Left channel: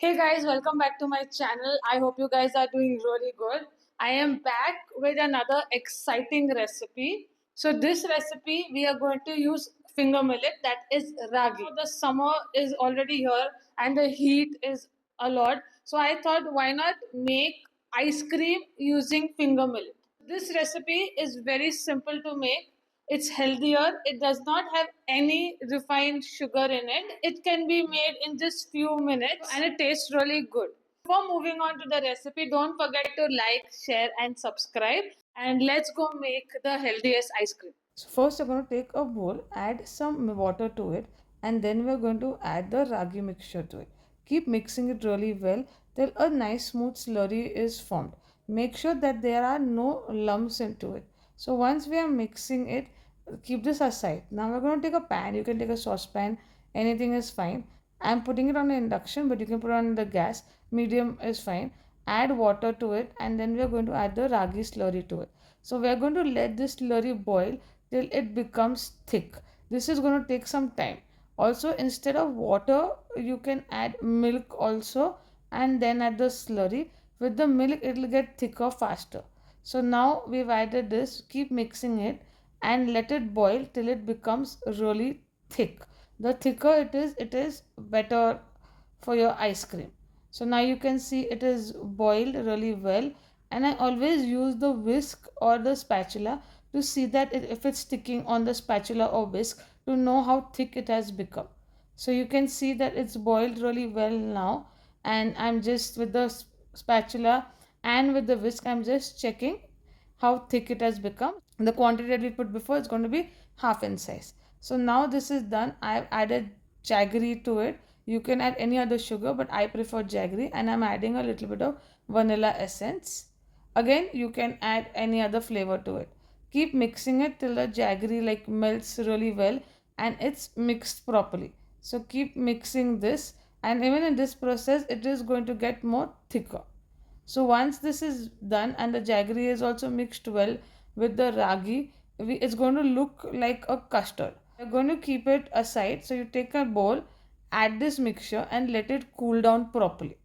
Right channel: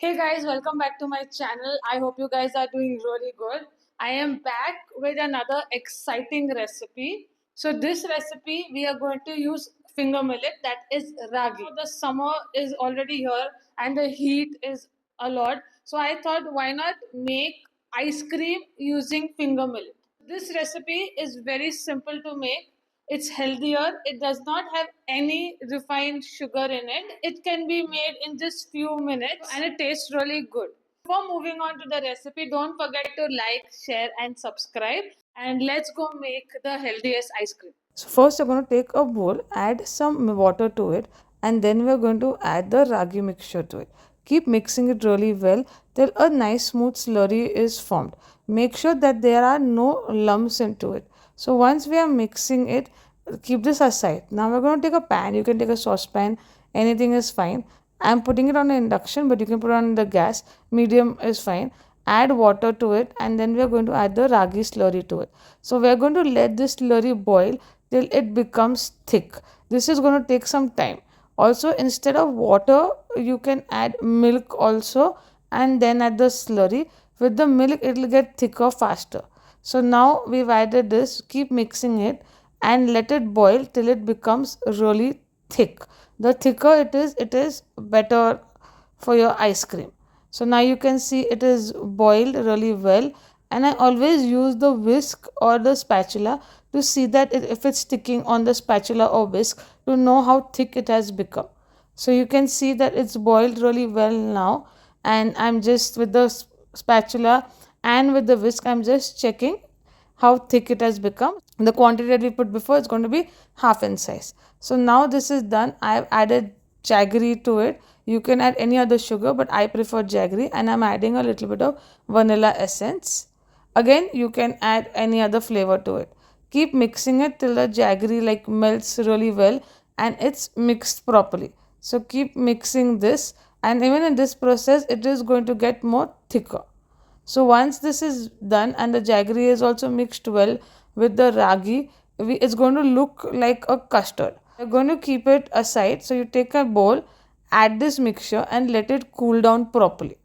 Hey guys, welcome back to my channel. I hope you guys are doing really good. I am back with another exciting recipe. So this recipe we are going to use finger millet, that is ragi. The summer is already here and the heat is a lot. So I thought why not make ice cream using finger millet. This recipe is very simple to make. It's healthier. It does not have any refined sugar in it. It can be made in just few minutes and it tastes really good. Before moving on to the recipe, don't forget to like, share and subscribe, and let's go make the healthiest ice cream. So first you're going to take a bowl, add some water to it, and then we're going to add the ragi mixture to it. Keep mixing it really well till a nice smooth slurry is formed. Make sure that there are no lumps into it. So once we are mixing it, keep this aside. Now we're going to take a pan. You can take a saucepan, anything is fine. I'm putting it on the induction, but you can put it on the gas. Medium is fine. Add water to it, and then we are going to add the ragi slurry to it. So we are going to let this slurry boil till it becomes thick. This is going to take some time. Also, instead of water, you can add milk also, and then add the slurry. With the milk, it will get thicker faster. So now we've added this. Keep mixing it and let it boil till it becomes really thick. The thicker it is better for your ice cream. So now you can see it is boiled really well, and I always use the whisk or the spatula to see that if it's sticking on the spatula or whisk, to know how thick it has become. So you can see that it's boiled really well now, and I'm just with the spatula and with the whisk, I'm just checking how thick it has become. The quantity that we put before is going to be half in size. So now this is done. I've added jaggery to it. You can add any other sugar, but I prefer jaggery, and I'm adding a little bit of vanilla essence. Again, you can add any other flavor to it. Keep mixing it till the jaggery like melts really well and it's mixed properly. So keep mixing this, and even in this process it is going to get more thicker. So once this is done and the jaggery is also mixed well with the ragi, it's going to look like a custard. We're going to keep it aside. So you take a bowl, add this mixture and let it cool down properly.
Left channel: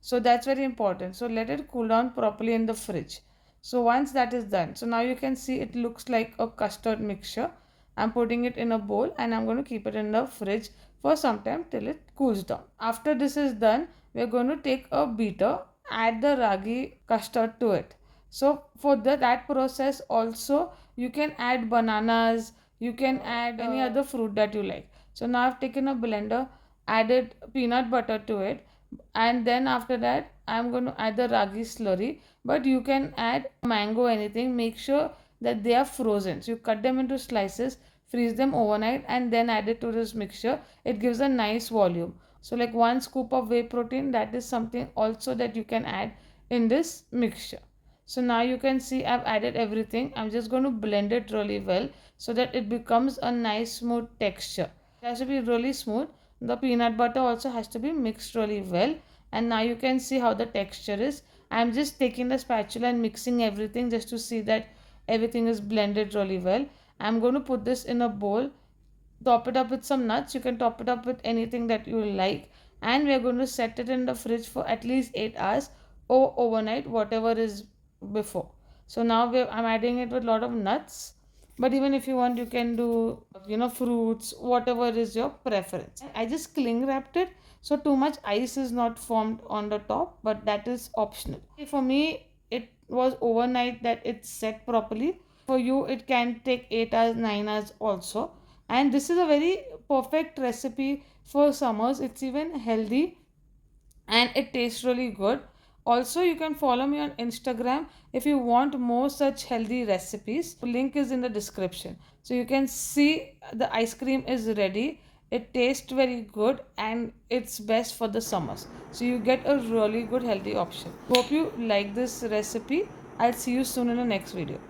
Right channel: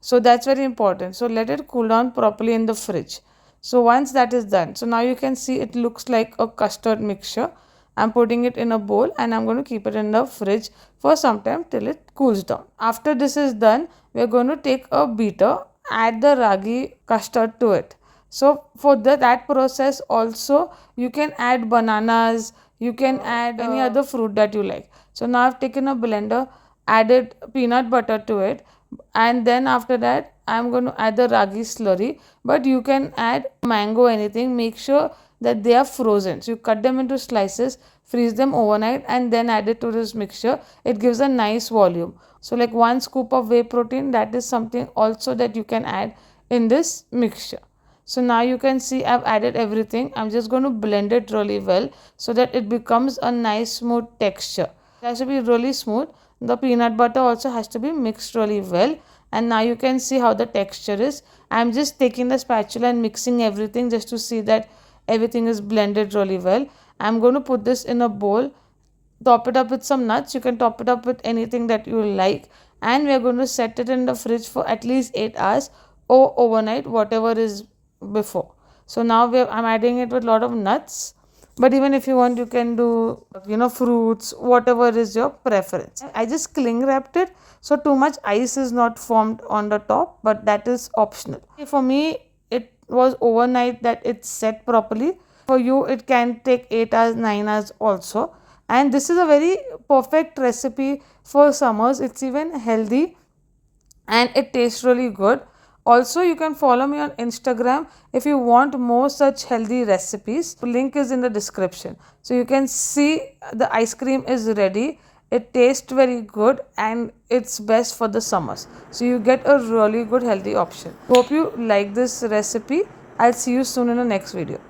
So that's very important. So let it cool down properly in the fridge. So once that is done, so now you can see it looks like a custard mixture. I'm putting it in a bowl and I'm going to keep it in the fridge for some time till it cools down. After this is done, we're going to take a beater, add the ragi custard to it. So for that process also, you can add bananas, you can add any other fruit that you like. So now I've taken a blender, added peanut butter to it, and then after that I'm going to add the ragi slurry, but you can add mango, anything. Make sure that they are frozen, so you cut them into slices, freeze them overnight, and then add it to this mixture. It gives a nice volume. So like 1 scoop of whey protein, that is something also that you can add in this mixture. So now you can see I've added everything. I'm just going to blend it really well so that it becomes a nice smooth texture. It has to be really smooth. The peanut butter also has to be mixed really well, and now you can see how the texture is. I'm just taking the spatula and mixing everything just to see that everything is blended really well. I'm going to put this in a bowl, top it up with some nuts. You can top it up with anything that you like, and we're going to set it in the fridge for at least 8 hours or overnight, whatever is before. So now I'm adding it with a lot of nuts, but even if you want, you can do fruits, whatever is your preference. I just cling wrapped it so too much ice is not formed on the top, but that is optional. For me, it was overnight that it's set properly. For you, it can take 8 hours, 9 hours also. And this is a very perfect recipe for summers. It's even healthy and it tastes really good. Also, you can follow me on Instagram if you want more such healthy recipes. The link is in the description. So you can see the ice cream is ready. It tastes very good and it's best for the summers. So you get a really good healthy option. Hope you like this recipe. I'll see you soon in the next video.